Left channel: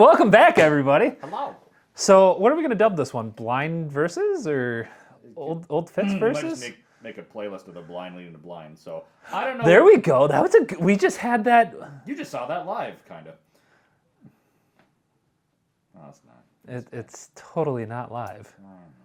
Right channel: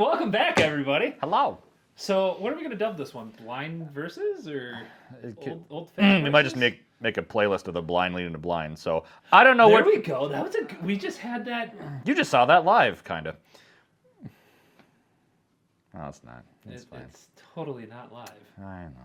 welcome back, everybody. Hello. So, what are we going to dub this one? Blind versus or Old Fitz versus? We might just make a playlist of the blind leading to blind. So I don't know. There we go. That was we just had that. You just saw that live, kind of. No, it's not. It's totally not live. I know.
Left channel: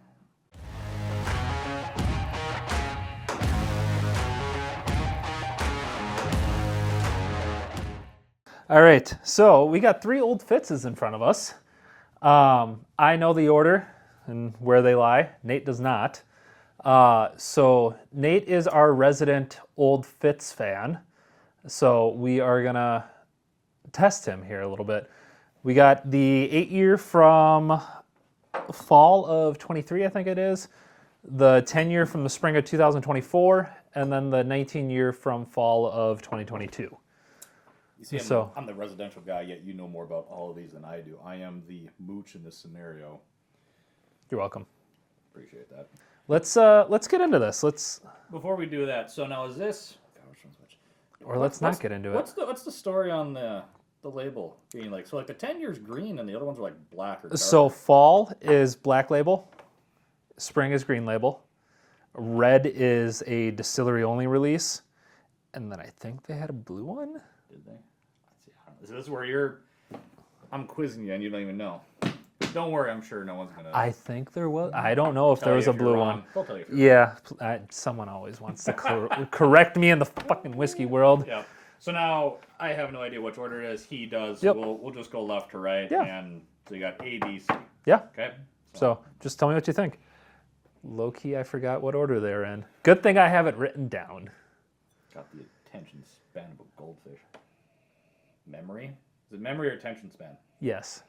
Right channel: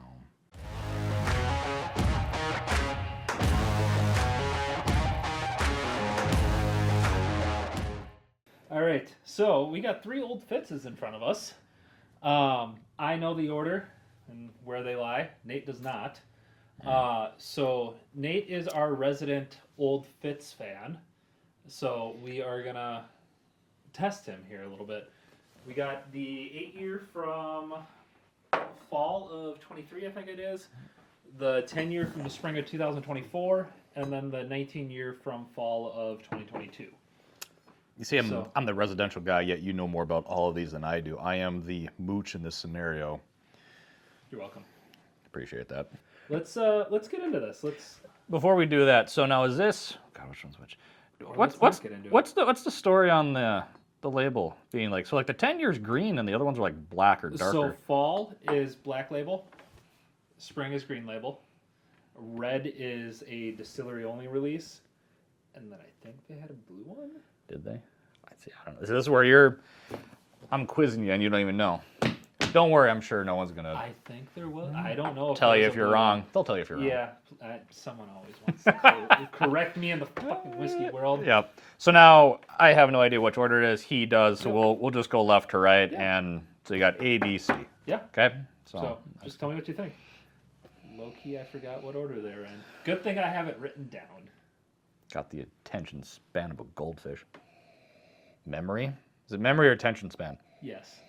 All right, so we got 3 Old Fitzes in front of us. I know the order and where they lie. Nate does not. So Nate is our resident Old Fitz fan. So we are gonna test him here a little bit. We got the 8-year from fall of 23, I think it is. The 10-year from the spring of 2024, and then the 19-year from fall of 2022. You see, I'm the residential guy, yet you know more about all of these than I do. I am the mooch in this scenario. You're welcome. Appreciate that. Let's get into this. Before we do that, so now is this? God, which one's which? Or let's not get into it. What's the story on the label being like? So like the 10 years green and the other ones are like black or darker. So fall is black label, spring is green label, red is a distillery only release, and then I think they had a blue one. Did they? I don't know. Is this where I'm quizzing you and you don't even know? Don't worry, I'm sure no one's gonna. I think there was. I don't know if tell there was you a if blue you're wrong. one. They'll tell you if you're wrong. Yeah, someone always wants to correct me in the fucking whiskey world. Yep. So now I have no idea which order it is. He does. So Yep. we'll just go left to right, Yeah. and so you got A, B, C. Yeah. Okay. So just tell me what you think. Low key, I forgot what order they're in. Good thing I have it written down. Got the attention span of a goldfish. Memory? Is it memory or attention span? Yes.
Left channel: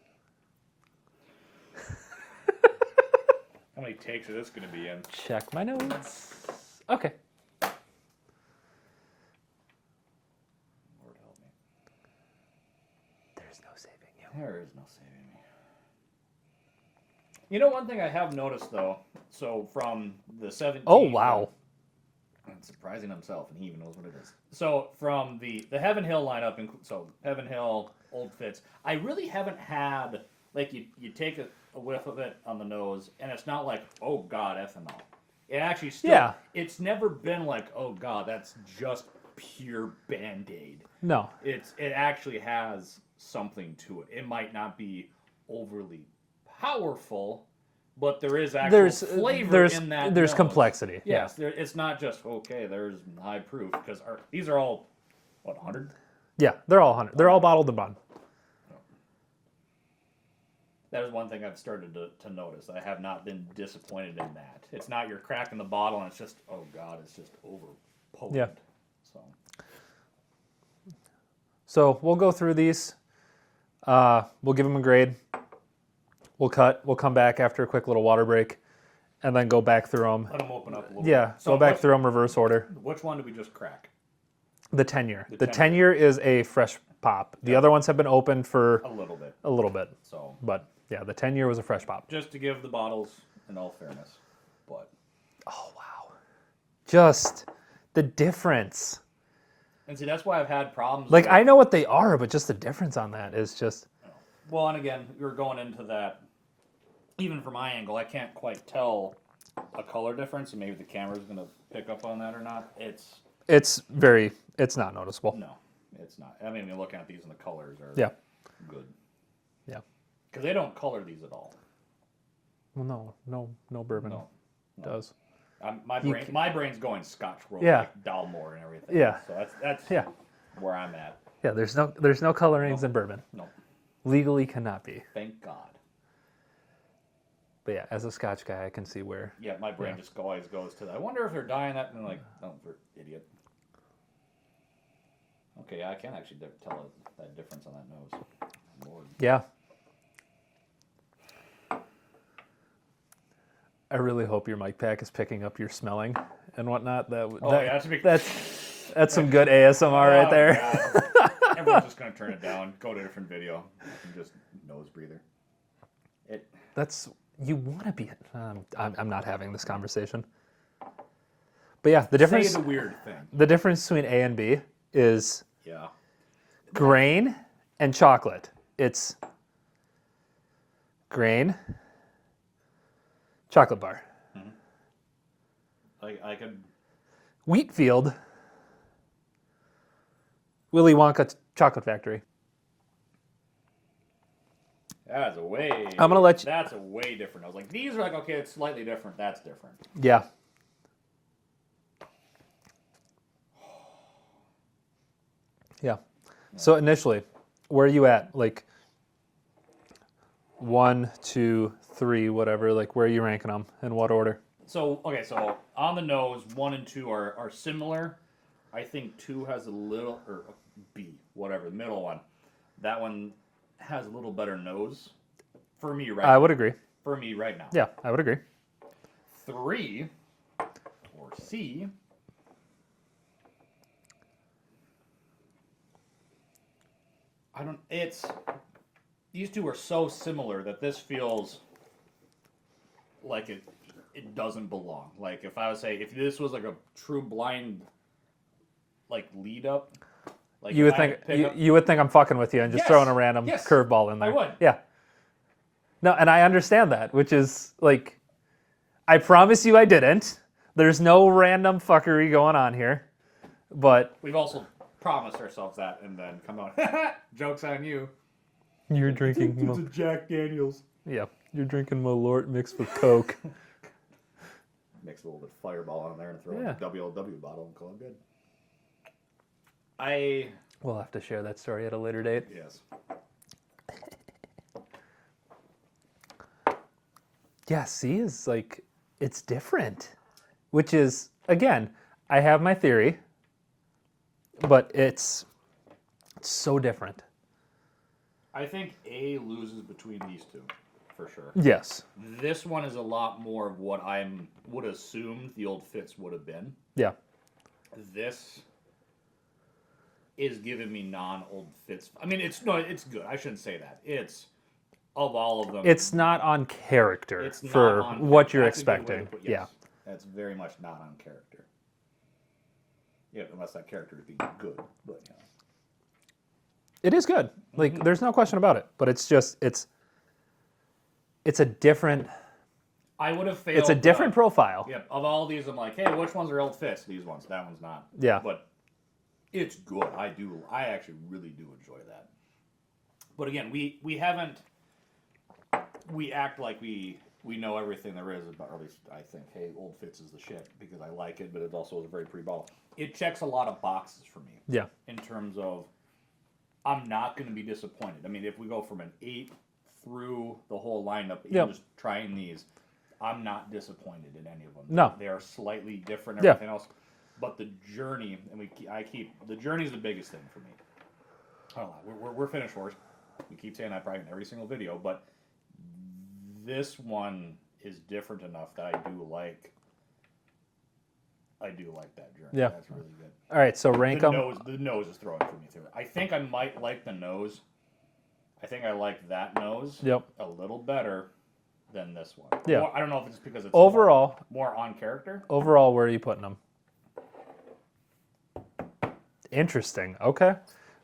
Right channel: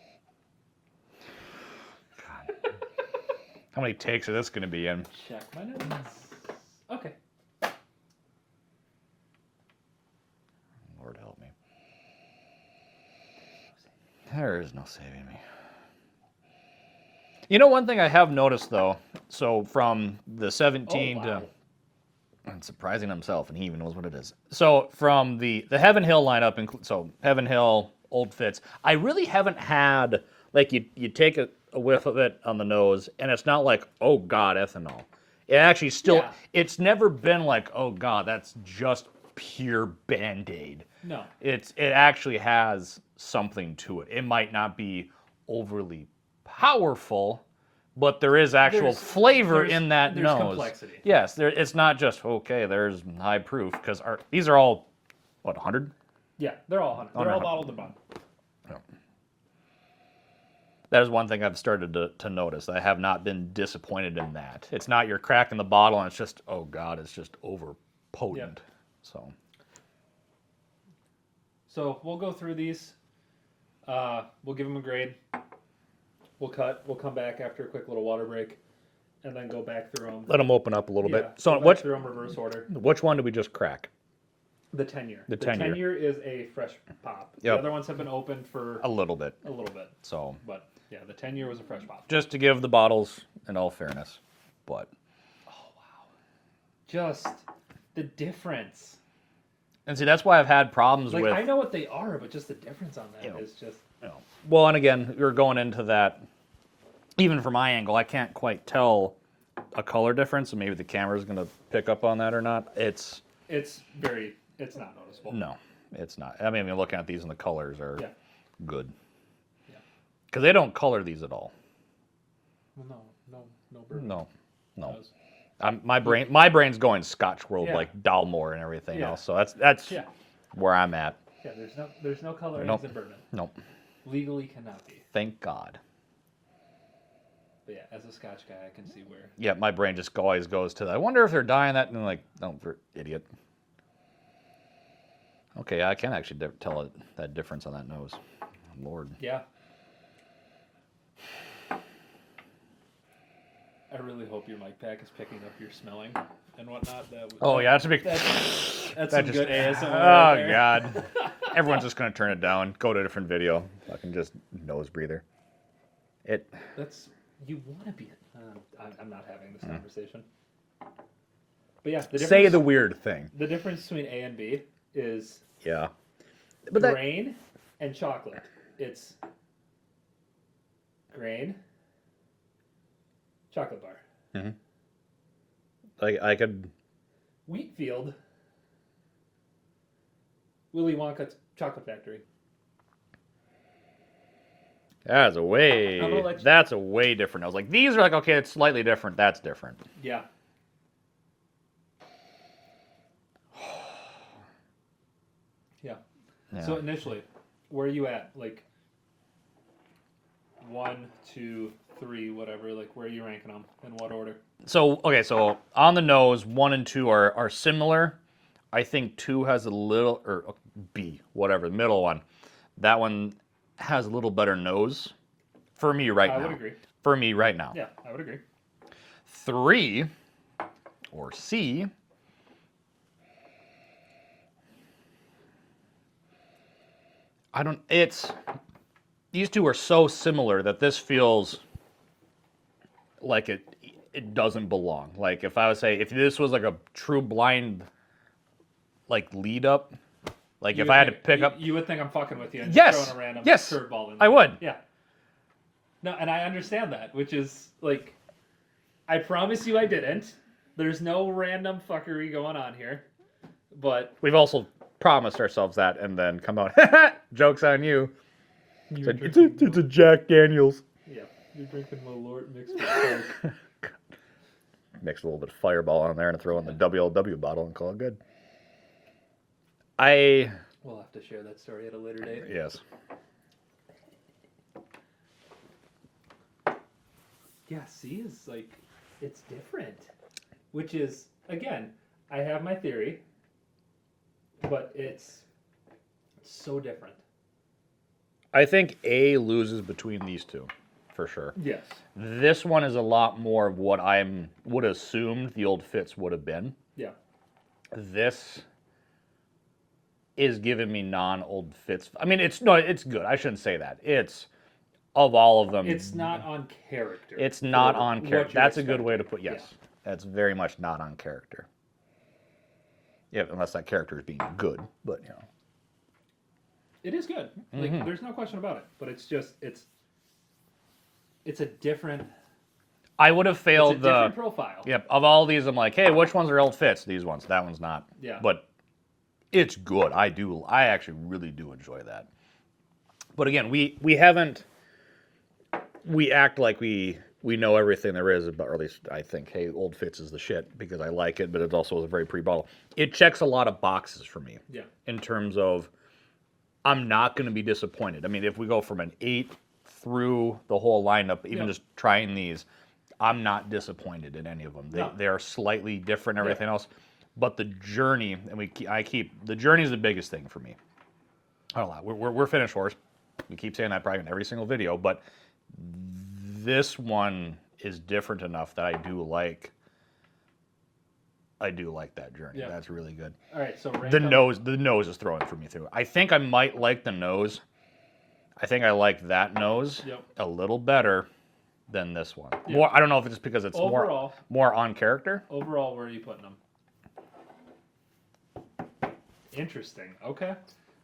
How many takes is this going to be in? Check my notes. Okay. Lord help me. There's no saving you. There is no saving me. You know, one thing I have noticed though. So from the 17. Oh wow. And surprising himself, and he even knows what it is. So from the Heaven Hill lineup, so Heaven Hill, Old Fitz, I really haven't had, like, you take a whiff of it on the nose, and it's not like, oh God, ethanol. It actually still, It's never been like, oh God, that's just pure Band-Aid. No. It actually has something to it. It might not be overly powerful, but there is actual flavor in that There's nose. complexity. Yes, it's not just, okay, there's high proof, because these are all, what, 100? Yeah, they're all 100. They're all bottled and bond. No. That is one thing I've started to notice. I have not been disappointed in that. It's not you're cracking the bottle and it's just, oh God, it's just over potent. Yeah. So we'll go through these. We'll give them a grade. We'll cut. We'll come back after a quick little water break, and then go back through them. Let them open up a little bit. Yeah. So go back through them reverse order. Which one did we just crack? The 10-year. The 10-year. 10-year is a fresh pop. Yep. The other ones have been open for a little bit. So, but yeah, the 10-year was a fresh pop. Just to give the bottles in all fairness, but oh wow, just the difference. And see, that's why I've had problems. Like, I know what they are, but just the difference on that is just. Well, and again, you're going into that. Even from my angle, I can't quite tell a color difference, and maybe the camera's going to pick up on that or not. It's not noticeable. No, it's not. I mean, looking at these and the colors are good. Yeah. Because they don't color these at all. Well, no bourbon. No. Does. My brain's going Scotch World, like Dalmore and everything else. So that's where I'm at. Yeah, there's no colorings in bourbon. Nope. Legally cannot be. Thank God. But yeah, as a Scotch guy, I can see where. Yeah, my brain just always goes to that. I wonder if they're dyeing that, and like, no, for idiot. Okay, I can actually tell that difference on that nose. Lord. Yeah. I really hope your mic pack is picking up your smelling and whatnot. That's some good ASMR right there. God. Everyone's just gonna turn it down, go to a different video. I can just nose breather. You want to be. I'm not having this conversation. But yeah, the difference. Say the weird thing. The difference between A and B is grain and chocolate. It's Grain. Chocolate bar. I could. Wheatfield. Willy Wonka Chocolate Factory. That's a way. I'm gonna let you. That's a way different. I was like, these are like, okay, it's slightly different. That's different. Yeah. Yeah. So initially, where are you at? Like 1, 2, 3, whatever. Like where are you ranking them? In what order? So okay, so on the nose, 1 and 2 are similar. I think 2 has a little, or B, whatever, the middle one. That one has a little better nose for me right now. I would agree. For me right now. Yeah, I would agree. 3, or C, these two are so similar that this feels like it doesn't belong. Like if I would say, if this was like a true blind, like lead up, like if I had to pick up. You would think I'm fucking with you and just throwing a random curveball in there. I would. Yeah. No, and I understand that, which is like, I promise you I didn't. There's no random fuckery going on here. But we've also promised ourselves that and then come out, joke's on you. You're drinking. It's a Jack Daniels. Yeah, you're drinking Malort mixed with Coke. Mix a little bit of Fireball on there and throw in the WLW bottle and call it good. We'll have to share that story at a later date. Yes. Yeah, C is like, it's different. Which is, again, I have my theory, but it's so different. I think A loses between these two, for sure. Yes. This one is a lot more of what I would assume the Old Fitz would have been. Yeah. This is giving me non-Old Fitz. I mean, it's good. I shouldn't say that. It's, of all of them, It's not on character. it's not on character. what you're That's expecting. a good way to put. Yes, Yeah. that's very much not on character. Yeah, unless that character is being good, but you know. It is good. Like, there's no question about it. But it's just, it's a different. I would have failed. It's a different profile. Yep. Of all these, I'm like, hey, which ones are Old Fitz? These ones. That one's not. Yeah. But it's good. I actually really do enjoy that. But again, we haven't. We act like we know everything there is about, or at least I think, hey, Old Fitz is the shit because I like it, but it also is a very pre-bottle. It checks a lot of boxes for me. Yeah. In terms of, I'm not going to be disappointed. I mean, if we go from an 8 through the whole lineup, even just trying these, I'm not disappointed in any of them. No. They're slightly different, everything else. But the journey, and the journey is the biggest thing for me. I don't know, we're finish horse. We keep saying that probably in every single video, but this one is different enough that I do like that journey. Yeah. That's really good. All right, so rank The 'em. nose is throwing for me through. I think I might like the nose. I think I like that nose a little better than this one. Yeah. More, I don't know if it's just because it's Overall, more on character. Overall, where are you putting them? Interesting. Okay.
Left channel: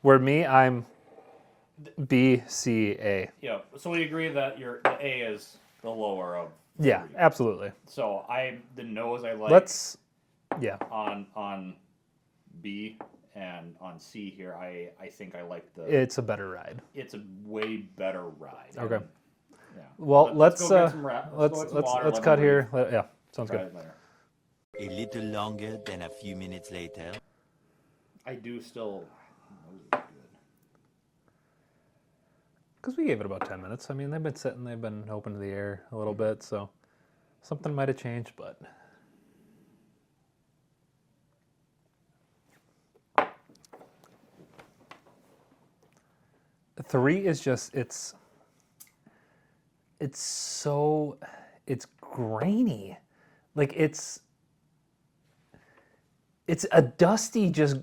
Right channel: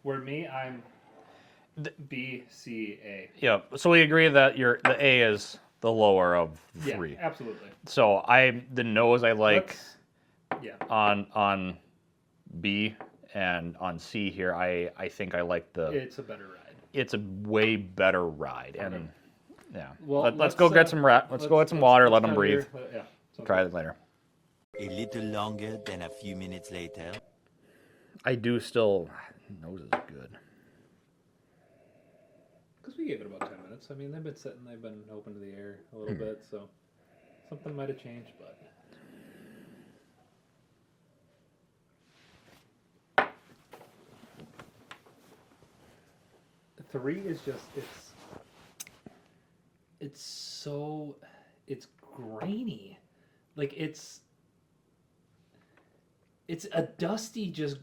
Where me, I'm B, C, A. Yeah. So we agree that the A is the lower of the Yeah, three. absolutely. So the nose I like on B, and on C here I think I like It's a better ride. It's a way better ride. Okay. And, yeah. Well, let's go get some Let's go get some water. Let's let them breathe. here. Yeah. Sounds Try good. it later. A little longer than a few minutes later. I do still. Nose is good. Because we gave it about 10 minutes. I mean, they've been sitting, they've been open to the air a little bit, so something might have changed, but. The 3 is just, it's grainy. Like, it's a dusty, just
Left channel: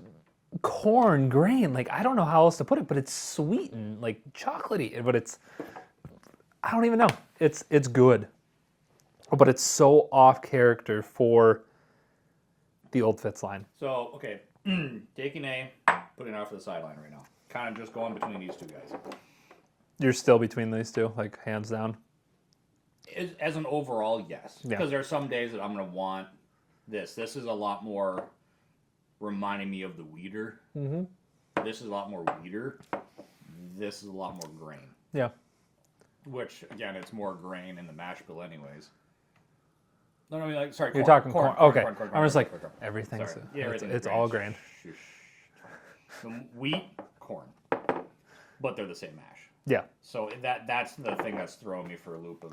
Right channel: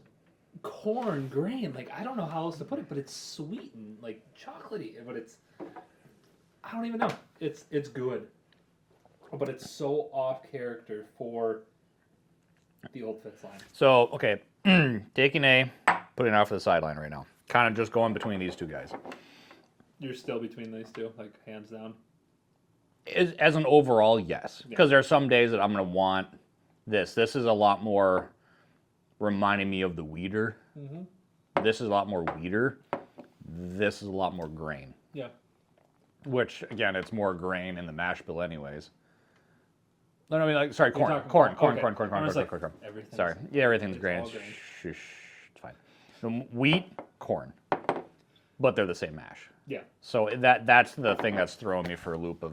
corn grain. Like, I don't know how else to put it, but it's sweet and like chocolatey, but I don't even know. It's good, but it's so off character for the Old Fitz line. So, okay, taking A, putting it out for the sideline right now. Kind of just going between these two guys. You're still between these two, like hands down. As an overall, yes. Yeah. Because there are some days that I'm going to want this. This is a lot more reminding me of the weeder. Mm-hmm. This is a lot more weeder. This is a lot more grain. Yeah. Which, again, it's more grain in the mash bill anyways. No, I mean, like, sorry, corn. You're talking corn. Okay. Corn. I was like, corn. everything's... Sorry. Yeah, everything's It's grain. all grain. Shh, it's fine. So wheat, corn. But they're the same mash. Yeah. So that's the thing that's throwing me for a loop of,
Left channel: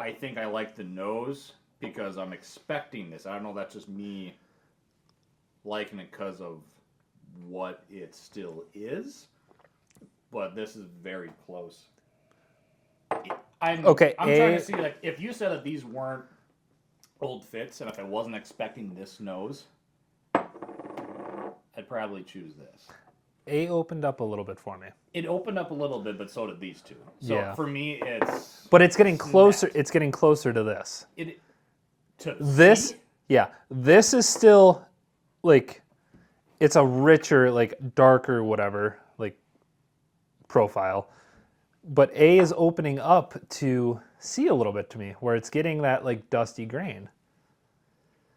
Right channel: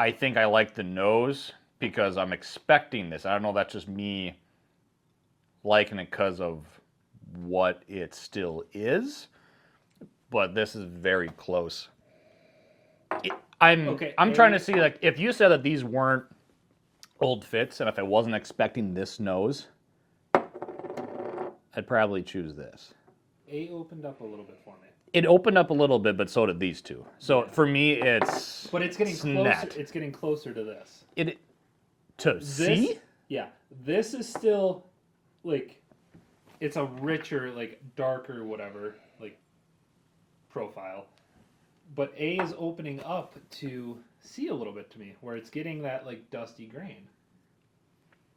I think I like the nose because I'm expecting this. I don't know, that's just me liking it because of what it still is, but this is very close. I'm trying to see, like, if you said that these weren't Old Fitz, and if I wasn't expecting this nose, I'd probably choose this. A opened up a little bit for me. It opened up a little bit, but so did these two. So Yeah. for me, it's... But it's getting closer. net. It's getting closer to this. This? Yeah. This is still, like, it's a richer, like, darker, whatever, like, profile. But A is opening up to C a little bit to me, where it's getting that, like, dusty grain.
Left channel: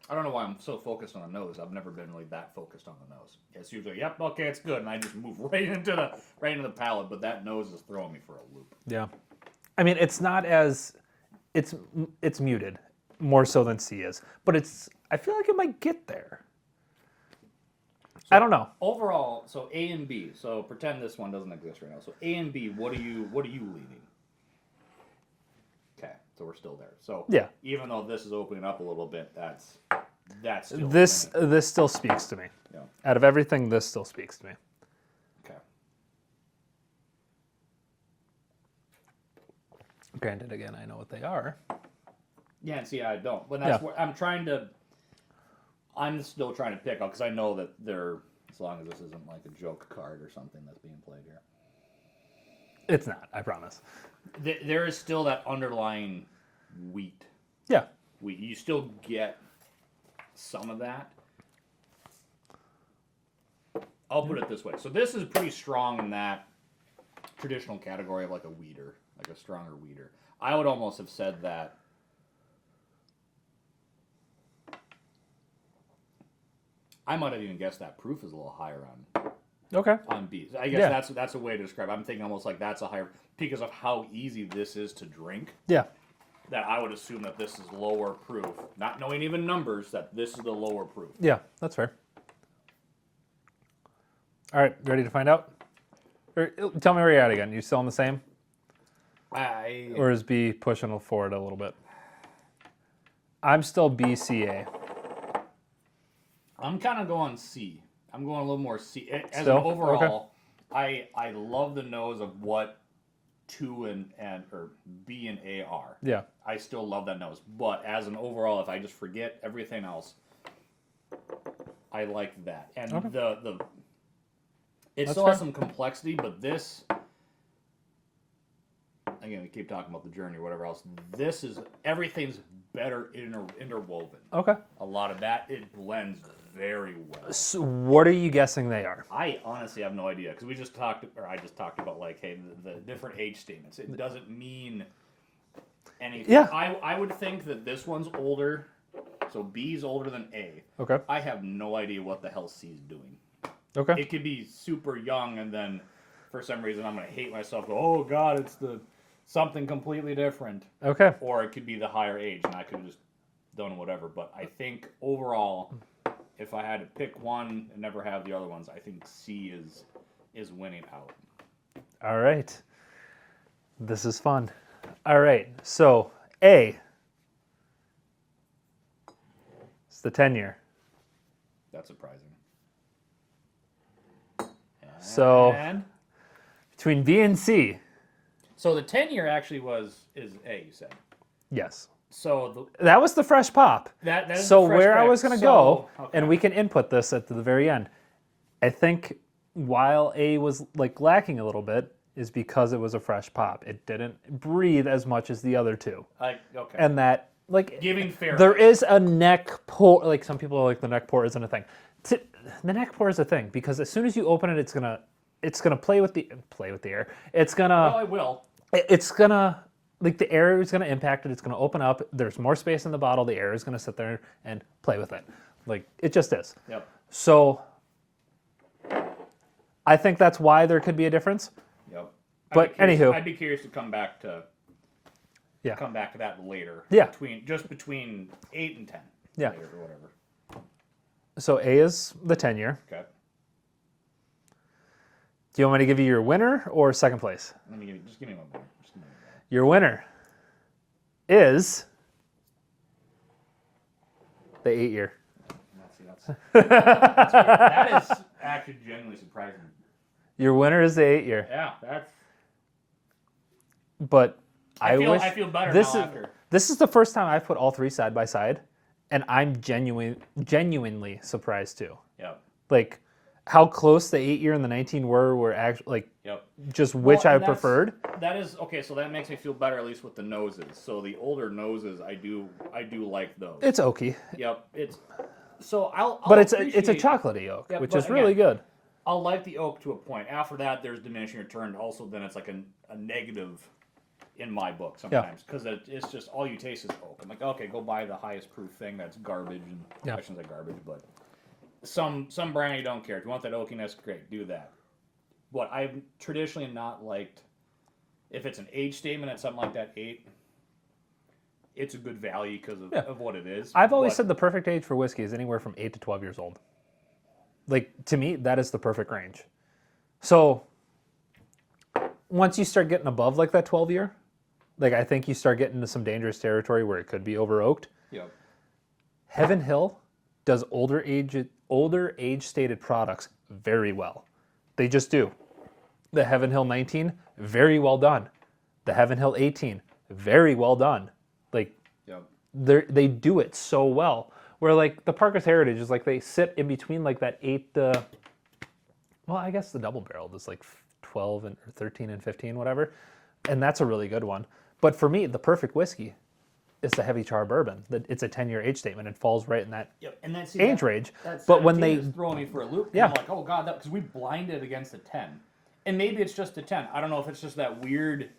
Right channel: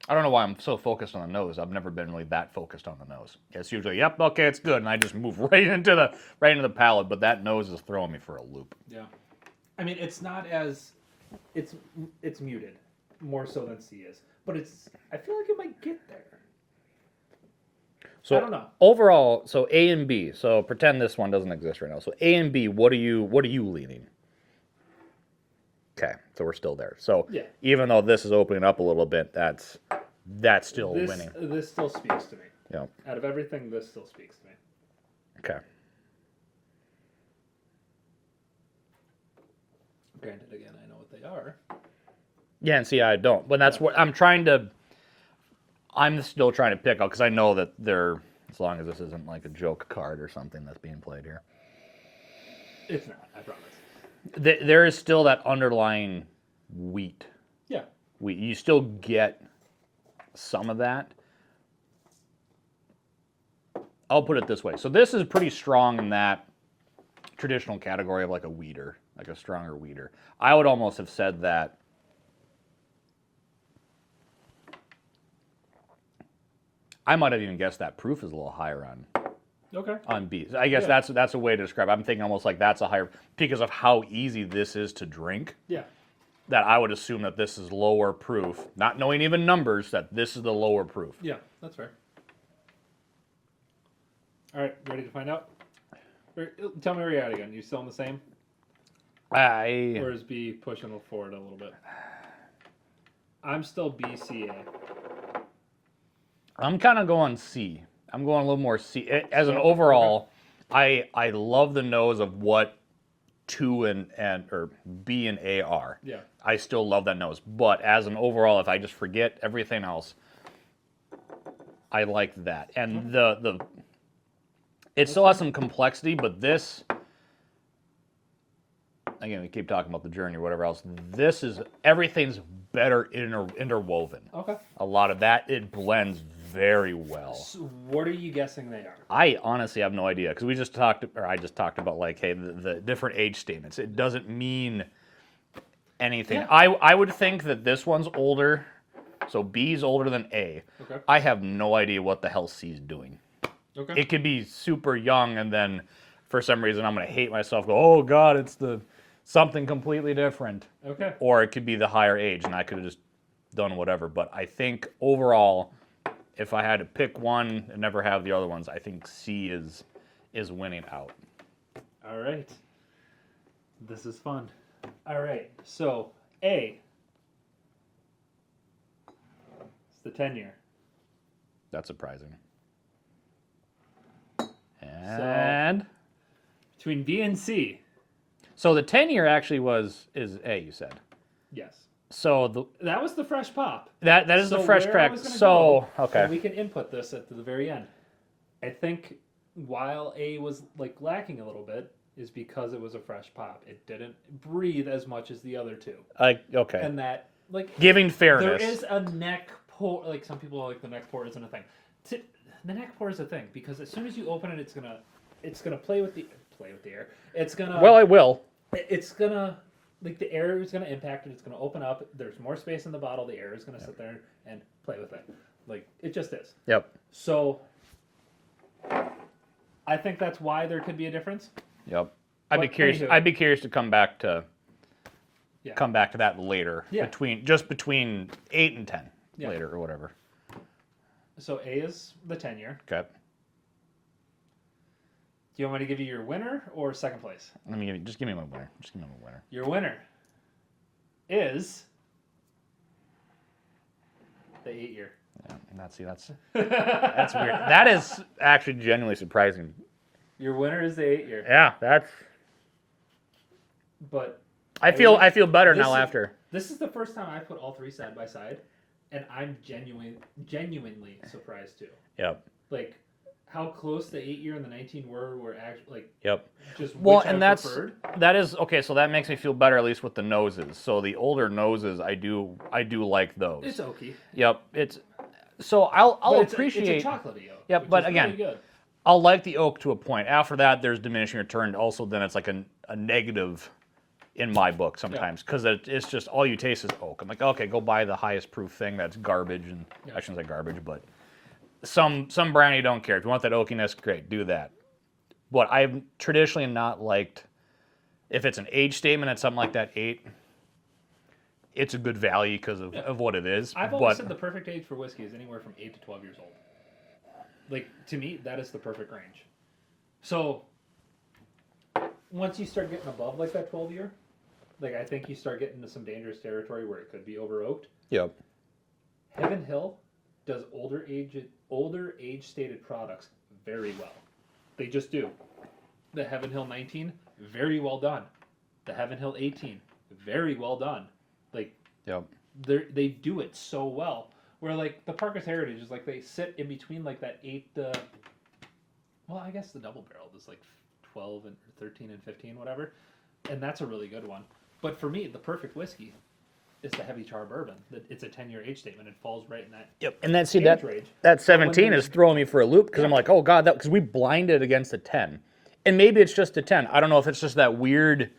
I don't know why I'm so focused on the nose. I've never been really that focused on the nose. It's usually, yep, okay, it's good, and I just move right into the palate. But that nose is throwing me for a loop. Yeah. I mean, it's not as, it's muted, more so than C is. But I feel like it might get there. So I don't know. Overall, so A and B. So pretend this one doesn't exist right now. So A and B, what are you leaning? Okay, so we're still there. So Yeah. even though this is opening up a little bit, that's still This winning. still speaks to me. Yeah. Out of everything, this still speaks to me. Okay. Granted, again, I know what they are. Yeah, and see, I don't. But that's Yeah. what I'm still trying to pick out because I know that they're, as long as this isn't like a joke card or something that's being played here. It's not, I promise. There is still that underlying wheat. Yeah. You still get some of that. I'll put it this way. So this is pretty strong in that traditional category of like a weeder, like a stronger weeder. I would almost have said that I might have even guessed that proof is a little higher on B's. I guess Yeah. that's a way to describe it. I'm thinking almost like that's a higher, because of how easy this is to drink, Yeah. that I would assume that this is lower proof, not knowing even numbers, that this is the lower proof. Yeah, that's fair. All right, ready to find out? Tell me where you're at again. You still on the same? Or is B pushing forward a little bit? I'm still BCA. I'm kind of going C. I'm going a little more C. As an So, overall, I love the nose of what 2 or B and A are. Yeah. I still love that nose. But as an overall, if I just forget everything else, I like that. And it still has some complexity, but this, again, we keep talking about the journey or whatever else. This is, everything's better interwoven. Okay. A lot of that, it blends very well. So what are you guessing they are? I honestly have no idea because I just talked about like, hey, the different age statements. It doesn't mean anything. Yeah. I would think that this one's older, so B's older than A. Okay. I have no idea what the hell C's doing. Okay. It could be super young, and then for some reason I'm gonna hate myself. Go, oh God, it's something completely different. Okay. Or it could be the higher age, and I could have just done whatever. But I think overall, if I had to pick one and never have the other ones, I think C is winning out. All right. This is fun. All right. So A. It's the 10-year. That's surprising. So between B and C. So the 10-year actually is A, you said. Yes. So That was the fresh pop. that is So the fresh where I crack. was going to So, go, okay. and we can input this at the very end. I think while A was like lacking a little bit is because it was a fresh pop. It didn't breathe as much as the other two. Okay. And that, like, Giving fairness. there is a neck pour. Like, some people are like, the neck pour isn't a thing. The neck pour is a thing because as soon as you open it, it's gonna play with the air. It's gonna. Well, I will. It's gonna like the air is going to impact it. It's going to open up. There's more space in the bottle. The air is going to sit there and play with it. Like it just is. Yep. So I think that's why there could be a difference. Yep. But anywho. I'd be curious to come back to Yeah. that later. Yeah. Between 8 and 10 Yeah. later or whatever. So A is the 10-year. Okay. Do you want me to give you your winner or second place? Just give me my winner. Your winner is the 8-year. That's weird. That is actually genuinely surprising. Your winner is the 8-year. Yeah, that's. But I feel better now after. This is the first time I've put all three side by side, and I'm genuinely surprised too. Yep. Like how close the 8-year and the 19 were actually like. Yep. Just which I preferred. That is okay. So that makes me feel better, at least with the noses. So the older noses, I do like those. It's oaky. Yep. I'll But it's appreciate. a chocolatey oak, Yep, which but is really good. I'll like the oak to a point. After that, there's diminishing return. Also, then it's like a negative in my book sometimes because it's just all you taste is oak. I'm like, okay, go buy the highest proof thing that's garbage, and I shouldn't say garbage, but some brand you don't care. If you want that oakiness, great, do that. But I've traditionally not liked if it's an age statement and something like that 8. It's a good value because of what it is. I've always said the perfect age for whiskey is anywhere from 8 to 12 years old. Like, to me, that is the perfect range. So, once you start getting above like that 12-year, like I think you start getting into some dangerous territory where it could be over oaked. Yep. Heaven Hill does older age stated products very well. They just do. The Heaven Hill 19, very well done. The Heaven Hill 18, very well done. Like, Yep. they do it so well. Where like the Parker's Heritage is like they sit in between like that 8. Well, I guess the double barreled is like 12 and or 13 and 15, whatever, and that's a really good one. But for me, the perfect whiskey is the heavy char bourbon. It's a 10-year age statement. It falls right in that And that's age range. That But when 17 they- is throwing me for a loop because I'm Yeah. like, oh god, because we blinded against a 10, and maybe it's just a 10. I don't know if it's just that weird.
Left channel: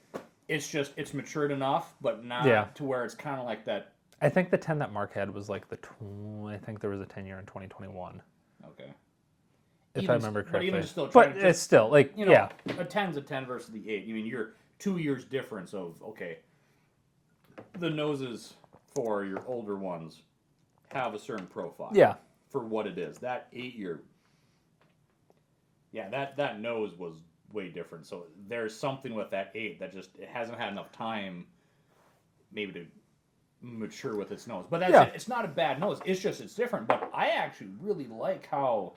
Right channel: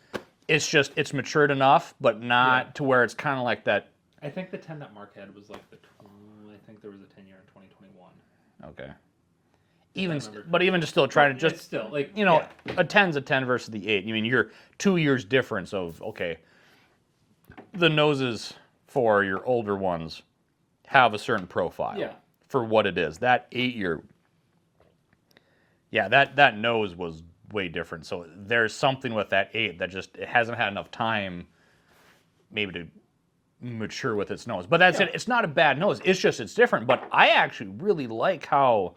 It's matured enough, but not to where it's kind of like that. I think the 10 that Mark had was like I think there was a 10-year in 2021. Okay. If I remember But even correctly. just still trying to It's still like a 10's a 10 versus the 8. I mean, you're 2 years difference of okay. The noses for your older ones have a certain profile. Yeah. For what it is, that 8-year. Yeah, that nose was way different. So there's something with that 8 that just it hasn't had enough time, maybe to mature with its nose. But that's it. It's not a bad nose. It's just it's different. But I actually really like how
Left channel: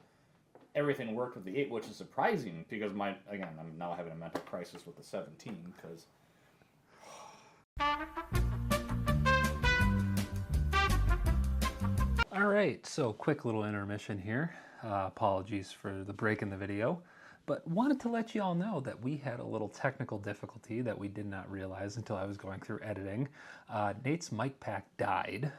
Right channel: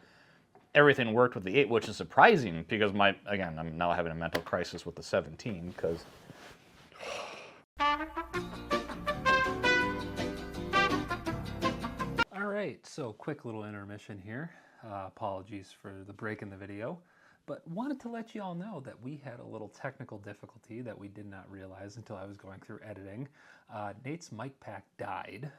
everything worked with the 8, which is surprising because I'm now having a mental crisis with the 17 because. All right, so quick little intermission here. Apologies for the break in the video, but wanted to let you all know that we had a little technical difficulty that we did not realize until I was going through editing. Nate's mic pack died,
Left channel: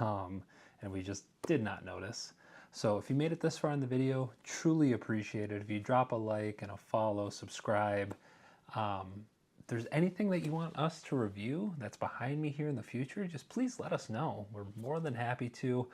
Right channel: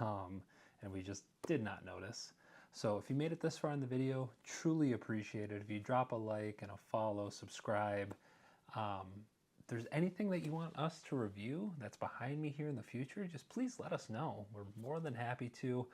and we just did not notice. So if you made it this far in the video, truly appreciate it. If you drop a like and a follow, subscribe. If there's anything that you want us to review that's behind me here in the future, just please let us know. We're more than happy to.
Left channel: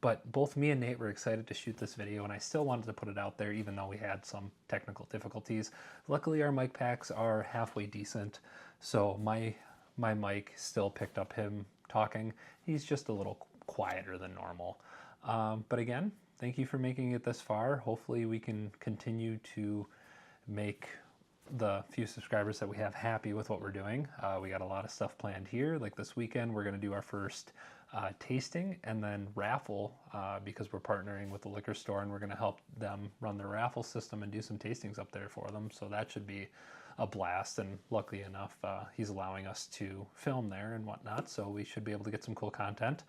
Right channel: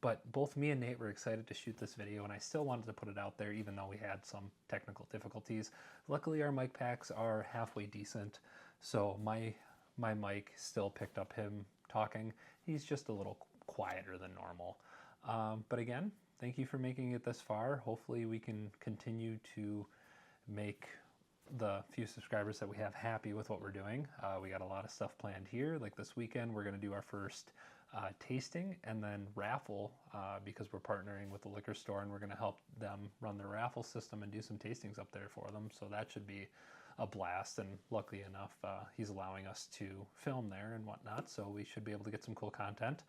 But both me and Nate were excited to shoot this video, and I still wanted to put it out there even though we had some technical difficulties. Luckily, our mic packs are halfway decent, so my mic still picked up him talking. He's just a little quieter than normal. But again, thank you for making it this far. Hopefully we can continue to make the few subscribers that we have happy with what we're doing. We got a lot of stuff planned here. Like this weekend, we're going to do our first tasting and then raffle because we're partnering with the liquor store and we're going to help them run their raffle system and do some tastings up there for them. So that should be a blast. And luckily enough, he's allowing us to film there and whatnot. So we should be able to get some cool content.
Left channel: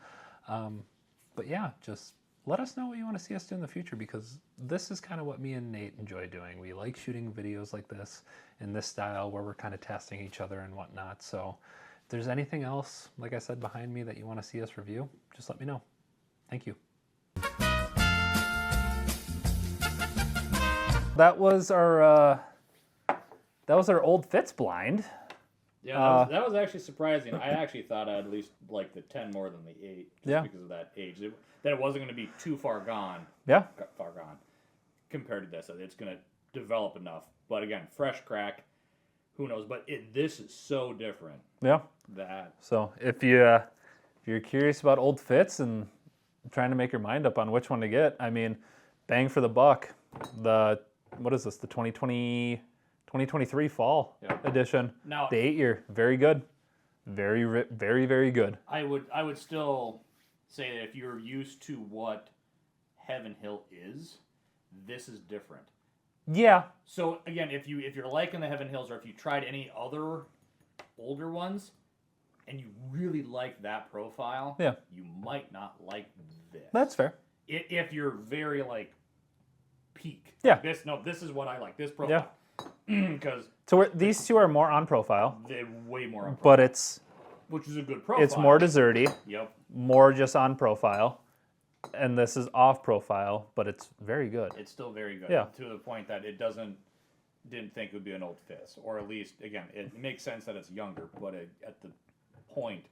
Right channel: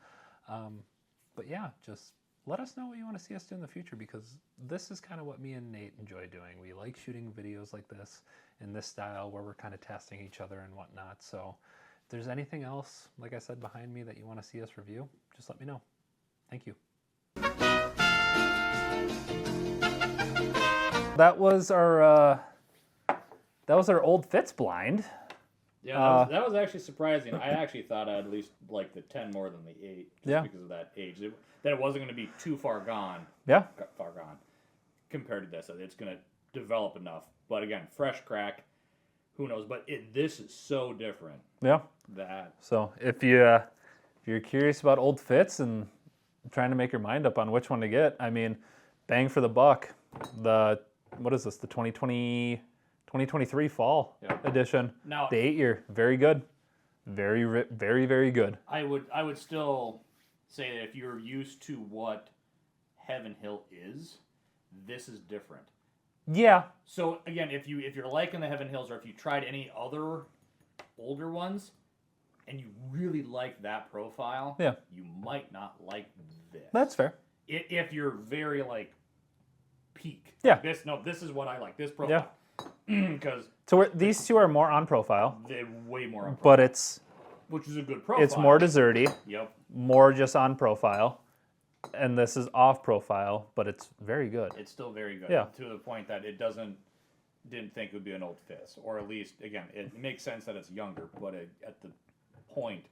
But yeah, just let us know what you want to see us do in the future because this is kind of what me and Nate enjoy doing. We like shooting videos like this in this style where we're kind of testing each other and whatnot. So if there's anything else, like I said, behind me that you want to see us review, just let me know. Thank you. That was our Old Fitz blind. Yeah, that was actually surprising. I actually thought I'd at least like the 10 more than the 8, just Yeah. because of that age. That it wasn't going to be too far gone compared to this. It's going to develop enough. But again, fresh crack, who knows? But this is so different. Yeah. That So if you're curious about Old Fitz and trying to make your mind up on which one to get, I mean, bang for the buck. What is this? The 2023 fall edition. Now, the 8-year, very good, very very good. I would still say that if you're used to what Heaven Hill is, this is different. Yeah. So again, if you're liking the Heaven Hills, or if you tried any other older ones, and you really like that profile, you might not like this. That's fair. If you're very like peak. Yeah. This is what I like. This profile. Because these two are more on profile. They're way more on profile. But which is a good profile. it's more desserty. Yep. More just on profile. And this is off profile, but it's very good. It's still very good. Yeah. To the point that it didn't think it would be an Old Fitz. Or at least, again, it makes sense that it's younger, but at the point,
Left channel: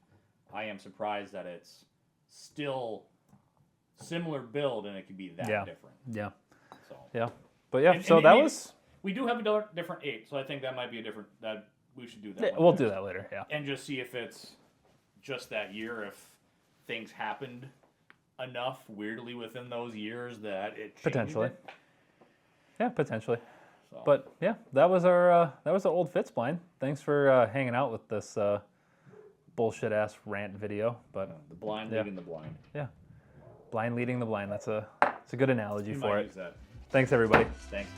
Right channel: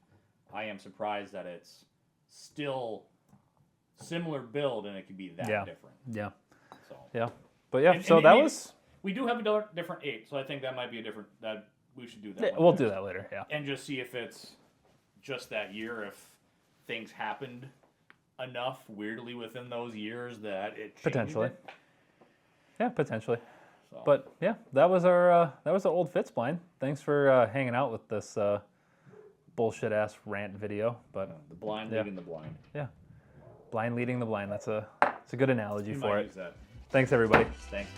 I am surprised that it's still similar build and it could be that different. Yeah. So. Yeah. But yeah, so that was... We do have a different 8, so I think that might be that we should do that. Yeah, we'll do that later, yeah. And just see if it's just that year, if things happened enough weirdly within those years that it changed potentially. It. Yeah, potentially. So. But yeah, that was our Old Fitz blind. Thanks for hanging out with this bullshit ass rant video. But the blind leading the blind. Yeah, blind leading the blind. It's a good analogy You for might it. use that. Thanks everybody. Thanks.